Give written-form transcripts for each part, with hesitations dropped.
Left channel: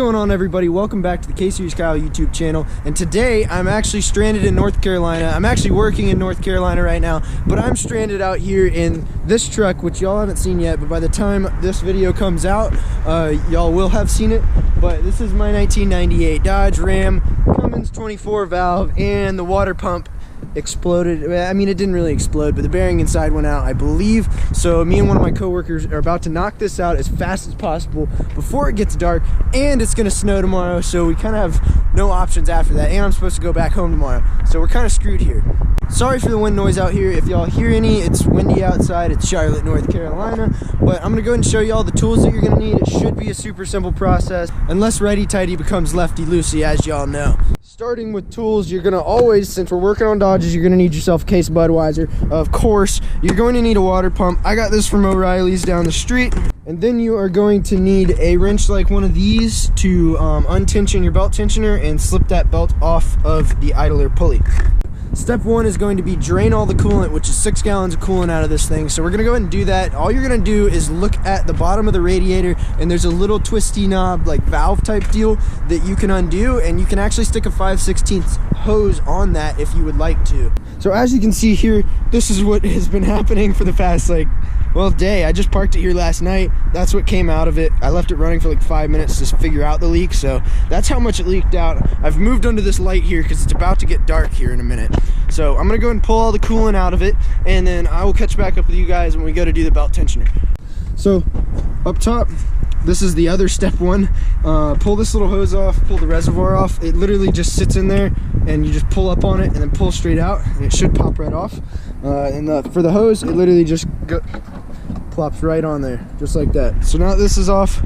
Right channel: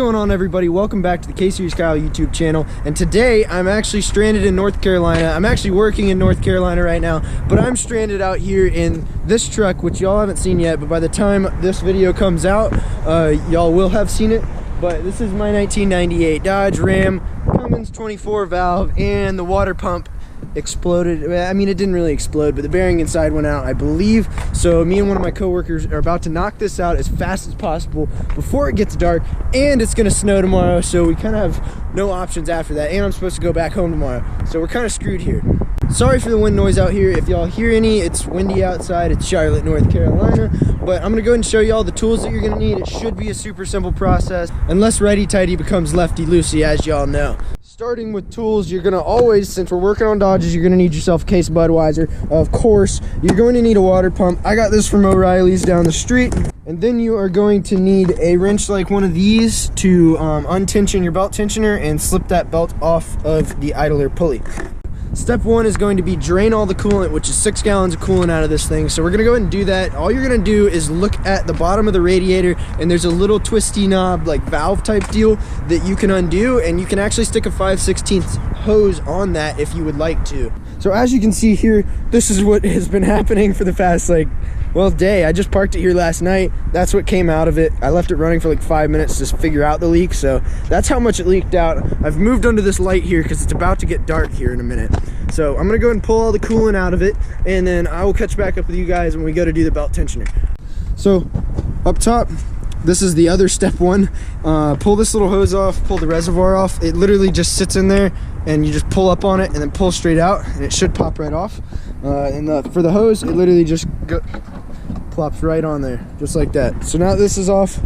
going on, everybody? Welcome back to the K-Series Kyle YouTube channel. And today I'm actually stranded in North Carolina. I'm actually working in North Carolina right now, but I'm stranded out here in this truck, which y'all haven't seen yet, but by the time this video comes out, y'all will have seen it. But this is my 1998 Dodge Ram Cummins 24 valve, and the water pump exploded. I mean, it didn't really explode, but the bearing inside went out, I believe. So me and one of my coworkers are about to knock this out as fast as possible before it gets dark, and it's gonna snow tomorrow, so we kind of have no options after that, and I'm supposed to go back home tomorrow, so we're kind of screwed here. Sorry for the wind noise out here. If y'all hear any, it's windy outside. It's Charlotte, North Carolina. But I'm gonna go ahead and show you all the tools that you're gonna need. It should be a super simple process, unless righty-tighty becomes lefty-loosey, as y'all know. Starting with tools, you're gonna always, since we're working on Dodges, you're gonna need yourself a case of Budweiser. Of course, you're going to need a water pump. I got this from O'Reilly's down the street. And then you are going to need a wrench like one of these to untension your belt tensioner and slip that belt off of the idler pulley. Step one is going to be drain all the coolant, which is 6 gallons of coolant out of this thing. So we're gonna go ahead and do that. All you're gonna do is look at the bottom of the radiator, and there's a little twisty knob, like valve type deal, that you can undo, and you can actually stick a 5/16 hose on that if you would like to. So as you can see here, this is what has been happening for the past day. I just parked it here last night. That's what came out of it. I left it running for like 5 minutes to figure out the leak, so that's how much it leaked out. I've moved under this light here because it's about to get dark here in a minute. So I'm gonna go and pull all the coolant out of it, and then I will catch back up with you guys when we go to do the belt tensioner. So up top, this is the other step one. Pull this little hose off, pull the reservoir off. It literally just sits in there, and you just pull up on it and then pull straight out, and it should pop right off. For the hose, it literally just plops right on there, just like that. So now this is off.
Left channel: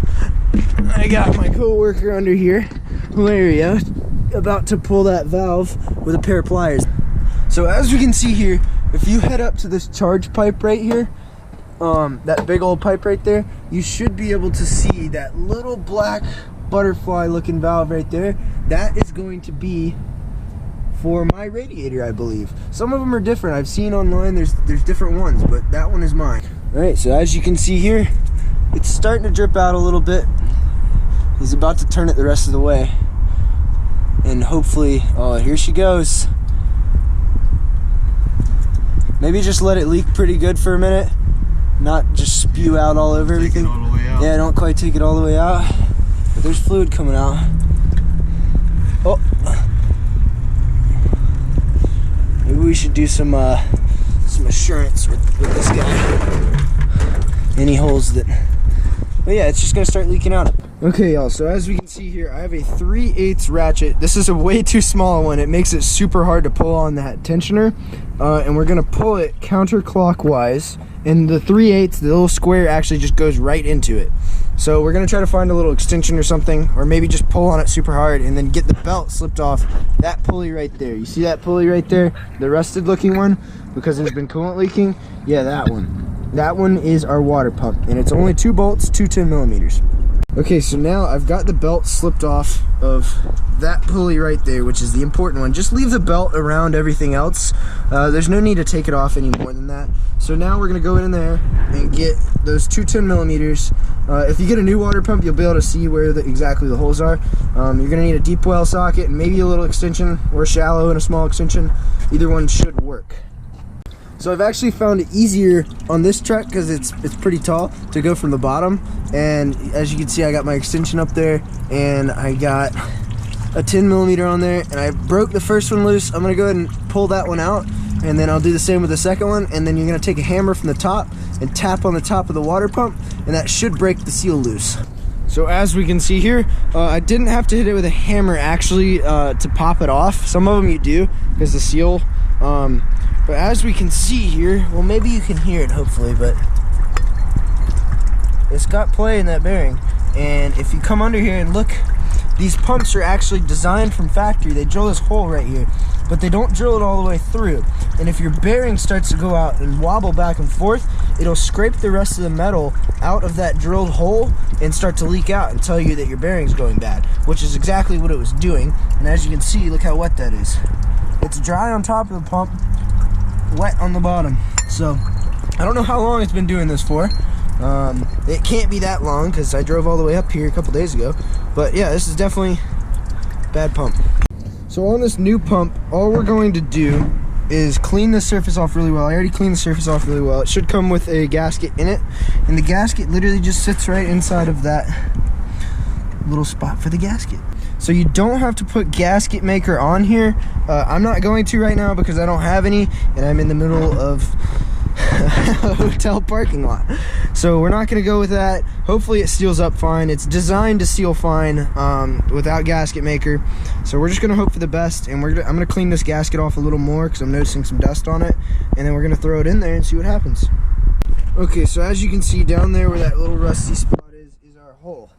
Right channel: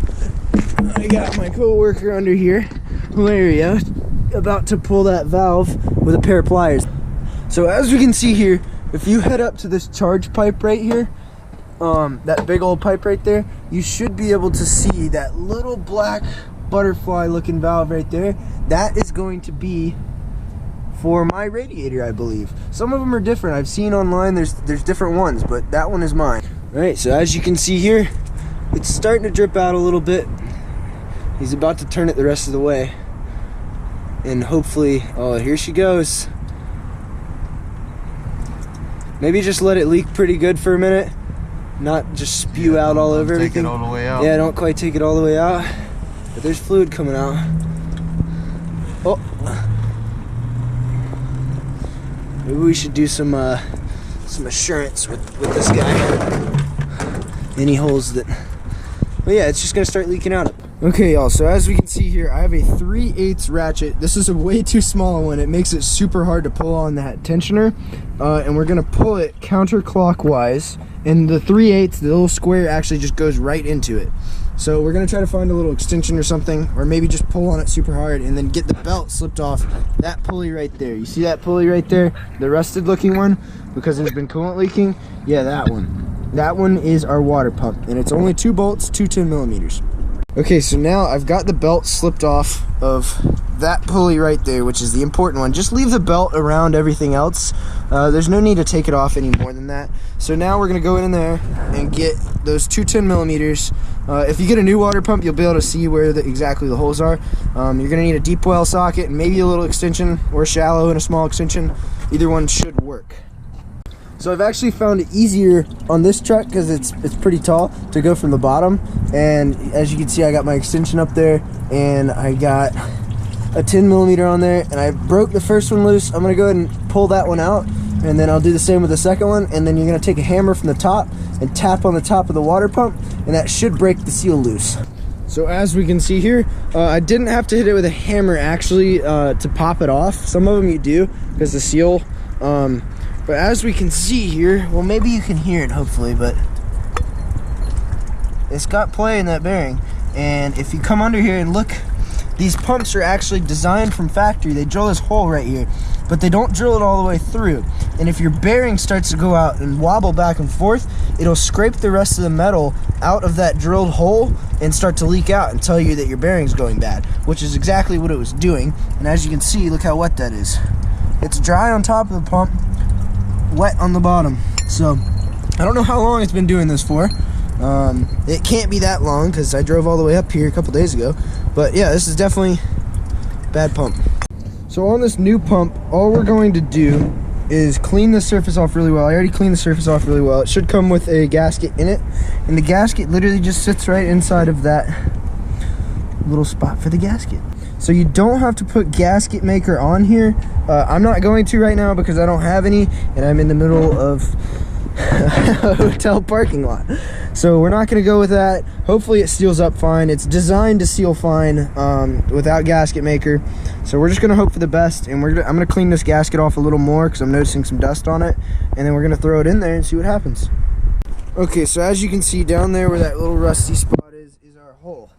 I got my coworker under here, Hilaria, about to pull that valve with a pair of pliers. So as we can see here, if you head up to this charge pipe right here, that big old pipe right there, you should be able to see that little black butterfly looking valve right there. That is going to be for my radiator, I believe. Some of them are different. I've seen online there's different ones, but that one is mine. All right, so as you can see here, it's starting to drip out a little bit. He's about to turn it the rest of the way, and hopefully, oh, here she goes. Maybe just let it leak pretty good for a minute, not just spew out all over everything. Take it all the way out. Yeah, don't quite take it all the way out, but there's fluid coming out. Oh, maybe we should do some assurance with this guy. Any holes that, but yeah, it's just gonna start leaking out. Okay, y'all, so as we can see here, I have a 3/8 ratchet. This is a way too small one. It makes it super hard to pull on that tensioner, and we're gonna pull it counterclockwise, and the 3/8, the little square, actually just goes right into it. So we're gonna try to find a little extension or something, or maybe just pull on it super hard and then get the belt slipped off that pulley right there. You see that pulley right there, the rusted looking one, because there's been coolant leaking? Yeah, that one. That one is our water pump, and it's only 2 bolts, 2 10mm. Okay, so now I've got the belt slipped off of that pulley right there, which is the important one. Just leave the belt around everything else. There's no need to take it off any more than that. So now we're gonna go in there and get those 2 10mm. If you get a new water pump, you'll be able to see where exactly the holes are. You're gonna need a deep well socket and maybe a little extension, or shallow and a small extension. Either one should work. So I've actually found it easier on this truck because it's pretty tall to go from the bottom, and as you can see, I got my extension up there, and I got a 10mm on there, and I broke the first one loose. I'm gonna go ahead and pull that one out, and then I'll do the same with the second one, and then you're gonna take a hammer from the top and tap on the top of the water pump, and that should break the seal loose. So as we can see here, I didn't have to hit it with a hammer actually to pop it off. Some of them you do because the seal, but as we can see here, well, maybe you can hear it hopefully, but it's got play in that bearing. And if you come under here and look, these pumps are actually designed from factory. They drill this hole right here, but they don't drill it all the way through. And if your bearing starts to go out and wobble back and forth, it'll scrape the rest of the metal out of that drilled hole and start to leak out and tell you that your bearing's going bad, which is exactly what it was doing. And as you can see, look how wet that is. It's dry on top of the pump, wet on the bottom. So I don't know how long it's been doing this for, It can't be that long because I drove all the way up here a couple days ago. But yeah, this is definitely a bad pump. So on this new pump, all we're going to do is clean the surface off really well. I already cleaned the surface off really well. It should come with a gasket in it, and the gasket literally just sits right inside of that little spot for the gasket. So you don't have to put gasket maker on here. I'm not going to right now because I don't have any, and I'm in the middle of a hotel parking lot. So we're not going to go with that. Hopefully it seals up fine. It's designed to seal fine without gasket maker. So we're just going to hope for the best, and I'm going to clean this gasket off a little more because I'm noticing some dust on it, and then we're going to throw it in there and see what happens. Okay, so as you can see down there where that little rusty spot is our hole.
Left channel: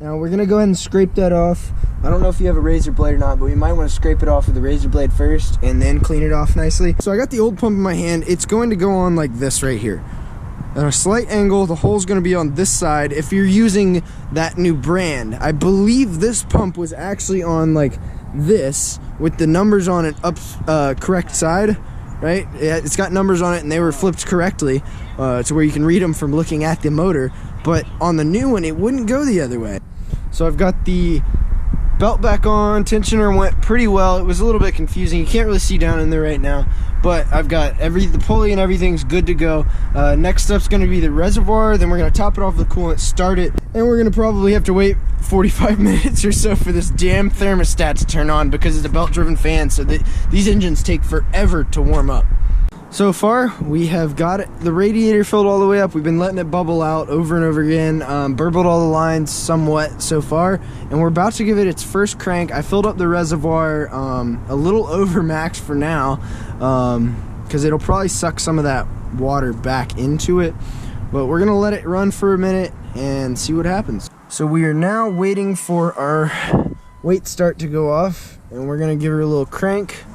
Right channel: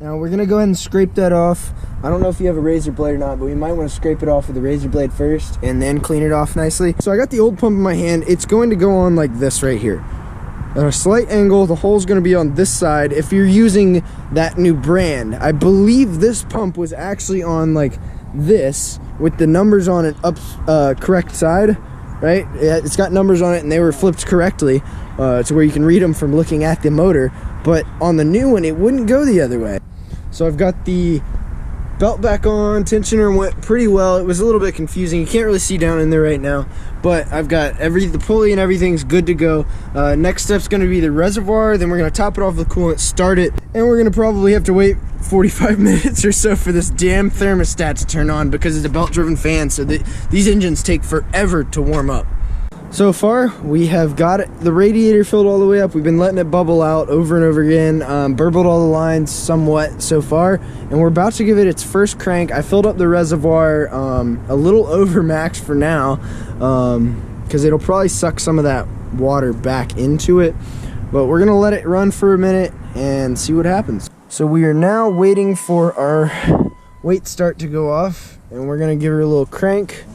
Now we're going to go ahead and scrape that off. I don't know if you have a razor blade or not, but we might want to scrape it off with the razor blade first and then clean it off nicely. So I got the old pump in my hand. It's going to go on like this right here. At a slight angle, the hole's going to be on this side if you're using that new brand. I believe this pump was actually on like this with the numbers on it up correct side, right? It's got numbers on it and they were flipped correctly to where you can read them from looking at the motor. But on the new one, it wouldn't go the other way. So I've got the belt back on. Tensioner went pretty well. It was a little bit confusing. You can't really see down in there right now, but I've got the pulley and everything's good to go. Next step's going to be the reservoir. Then we're going to top it off with coolant, start it, and we're going to probably have to wait 45 minutes or so for this damn thermostat to turn on because it's a belt-driven fan, so these engines take forever to warm up. So far, we have got the radiator filled all the way up. We've been letting it bubble out over and over again, burbled all the lines somewhat so far, and we're about to give it its first crank. I filled up the reservoir a little over max for now, because it'll probably suck some of that water back into it, but we're gonna let it run for a minute and see what happens. So we are now waiting for our weight start to go off, and we're gonna give her a little crank,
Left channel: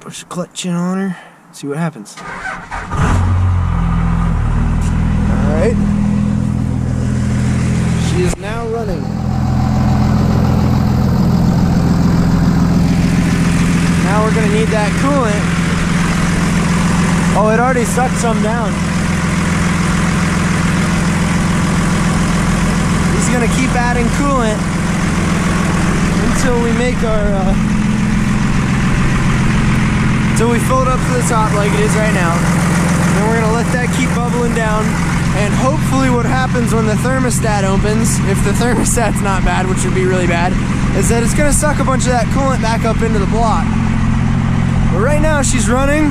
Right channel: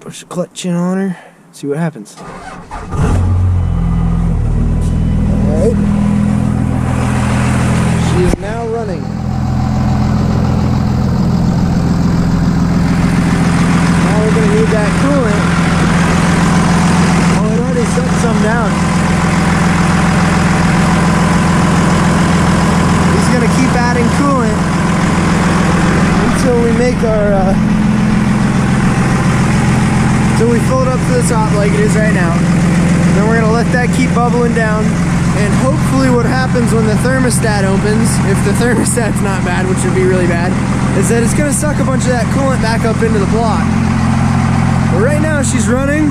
push the clutch in on her, see what happens. All right. She is now running. Now we're gonna need that coolant. Oh, it already sucked some down. He's gonna keep adding coolant until we make our so we fill it up to the top like it is right now. Then we're gonna let that keep bubbling down, and hopefully what happens when the thermostat opens, if the thermostat's not bad, which would be really bad, is that it's gonna suck a bunch of that coolant back up into the block. But right now she's running.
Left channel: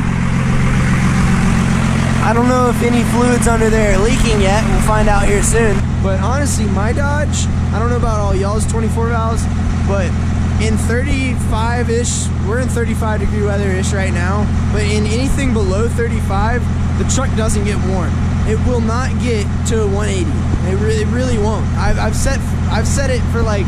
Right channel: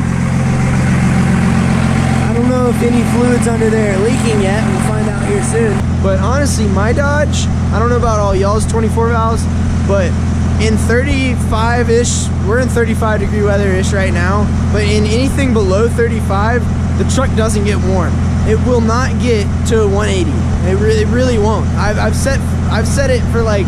I don't know if any fluids under there are leaking yet. We'll find out here soon. But honestly, my Dodge, I don't know about all y'all's 24 valves, but in 35-ish, we're in 35-degree weather-ish right now, but in anything below 35, the truck doesn't get warm. It will not get to 180. It really won't. I've set it for like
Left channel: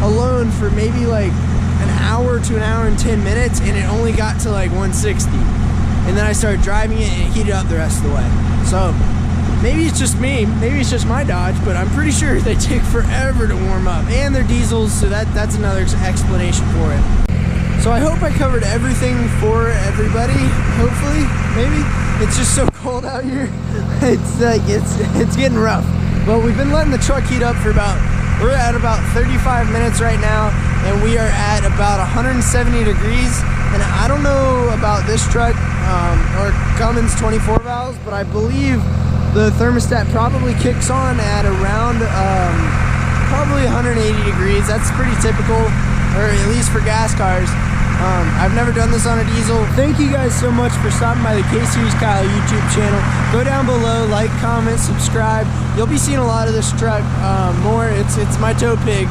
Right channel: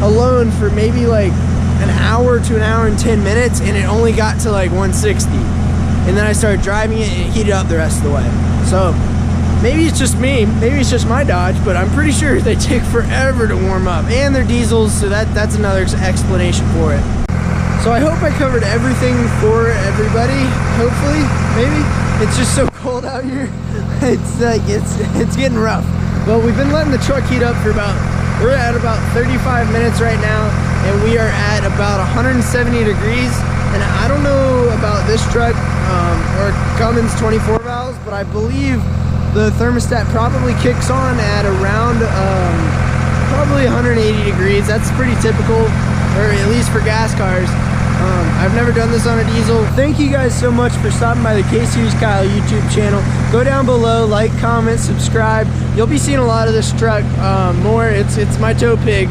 alone for maybe like an hour to an hour and 10 minutes, and it only got to like 160. And then I started driving it and it heated up the rest of the way. So maybe it's just me, maybe it's just my Dodge, but I'm pretty sure they take forever to warm up. And they're diesels, so that's another explanation for it. So I hope I covered everything for everybody, hopefully, maybe. It's just so cold out here. It's like, it's getting rough. But we've been letting the truck heat up for we're at about 35 minutes right now, and we are at about 170 degrees. And I don't know about this truck or Cummins 24 valves, but I believe the thermostat probably kicks on at around probably 180 degrees. That's pretty typical, or at least for gas cars. I've never done this on a diesel. Thank you guys so much for stopping by the K-Series Kyle YouTube channel. Go down below, like, comment, subscribe. You'll be seeing a lot of this truck more. It's my tow pig.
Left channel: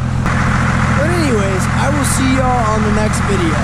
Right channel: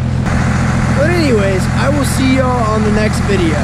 But anyways, I will see y'all on the next video.